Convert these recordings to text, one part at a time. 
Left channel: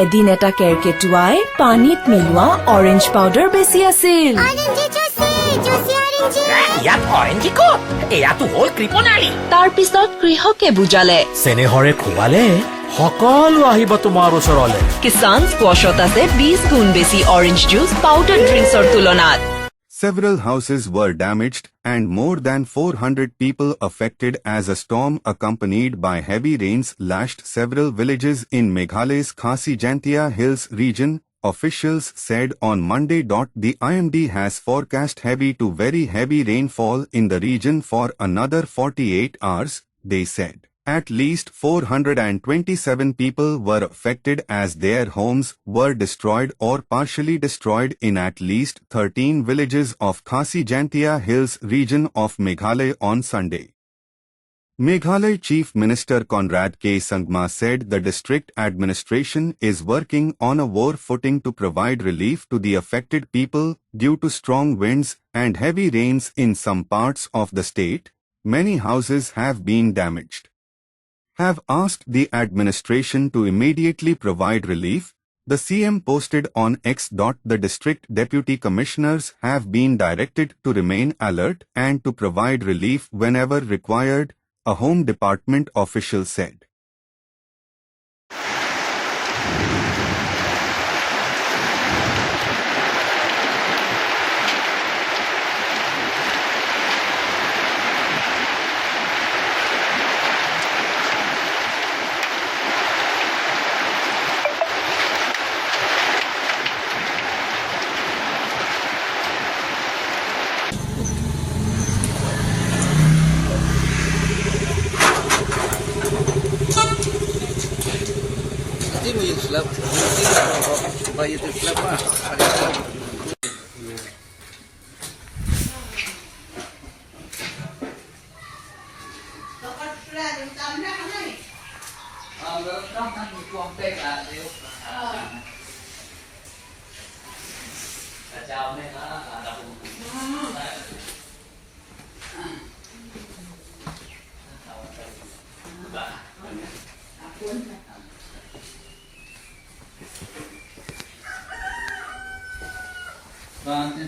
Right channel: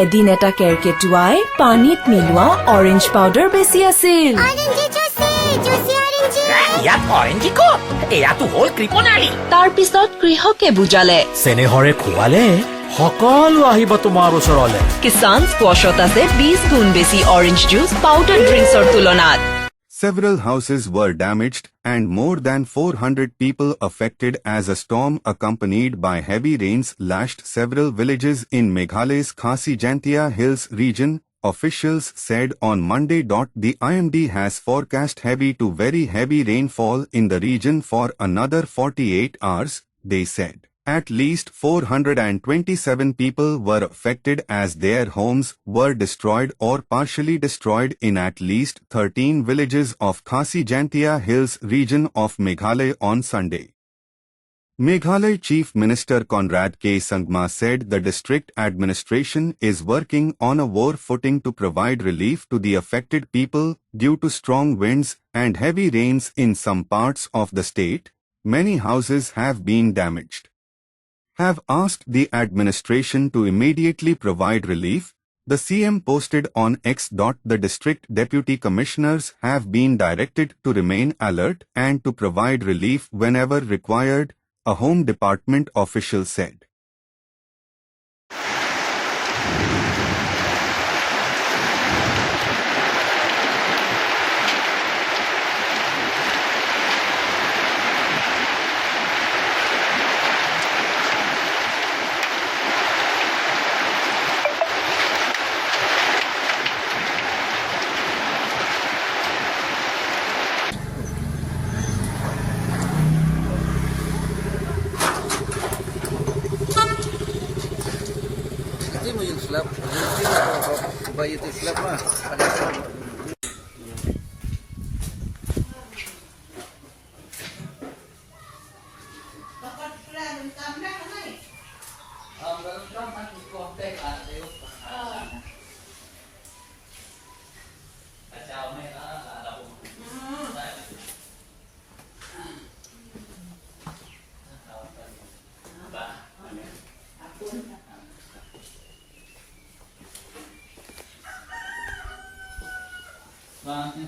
এদিন এটা কেৰকেটুৱাই পানীত মিলোৱা অৰেঞ্জ পাউডাৰ বেছি আছিল। তাৰ পিছত কৃষকে বুজালে চেনেহৰে খুৱালে সকলো আহিব তোমাৰ ওচৰলে। কিষান স্কোৱাছত আছে 20 গুণ বেছি অৰেঞ্জ জুচ পাউডাৰ ড্ৰিংকছৰ তুলনাত। Several houses were damaged and more than 400 people affected as a storm accompanied by heavy rains lashed several villages in Meghalaya's Khasi Jaintia Hills region, officials said on Monday. The IMD has forecast heavy to very heavy rainfall in the region for another 48 hours, they said. At least 427 people were affected as their homes were destroyed or partially destroyed in at least 13 villages of Khasi Jaintia Hills region of Meghalaya on Sunday. Meghalaya Chief Minister Conrad K. Sangma said the district administration is working on a war footing to provide relief to the affected people due to strong winds and heavy rains in some parts of the state. Many houses have been damaged. Have asked the administration to immediately provide relief, the CM posted on X. The district deputy commissioners have been directed to remain alert and to provide relief whenever required, a Home Department official said.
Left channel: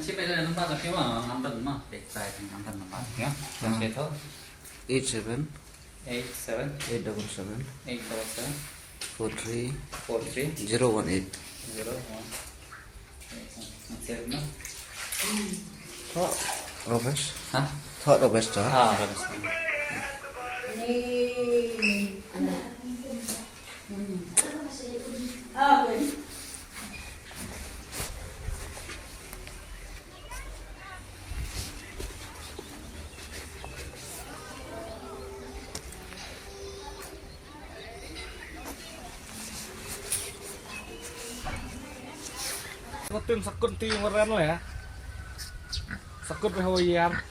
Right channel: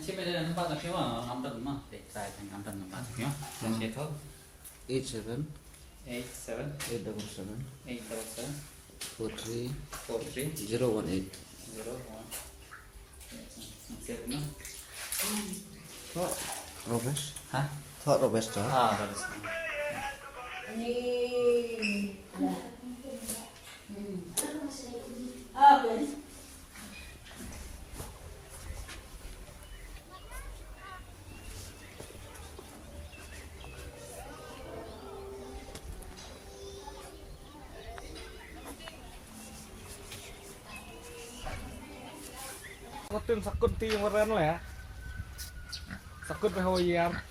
Chip it in about if you want. I'm done. Not big size. I'm done. Yeah. Okay. 87 87 877 877 43 43 018. 01 Robust? Huh? Thought robust. Robust. Tim sakut ti ngoran lah ya. Sakut pe hoyar.